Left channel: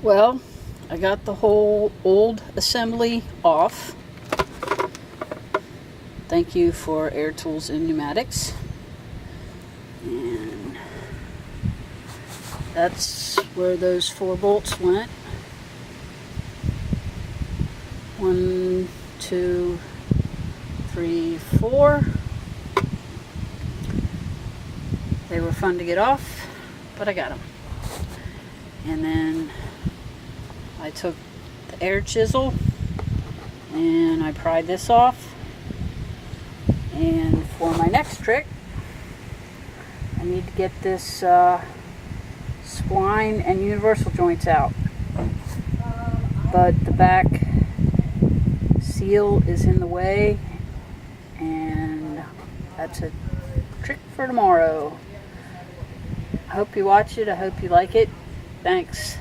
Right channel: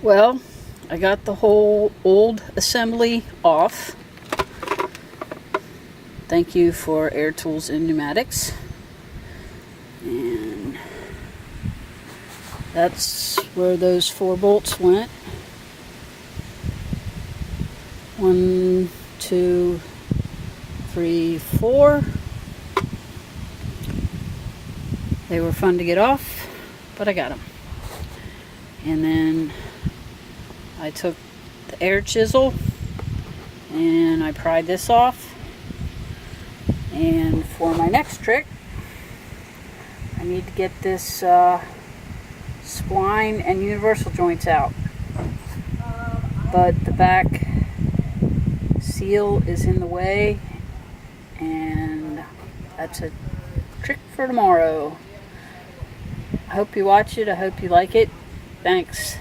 Well, I got the whole old assembly off. Thank you for Air Tools and Pneumatics. And that's where those 4 bolts went. 1, 2, 3, 4. They were fun to get off, but I got them. And then I took the air chisel and I pried this off. And for my next trick, I need to get this spline and universal joints out. But the back seal is in the way, and that's a trick for tomorrow. I hope you watch it. I hope you like it. Thanks.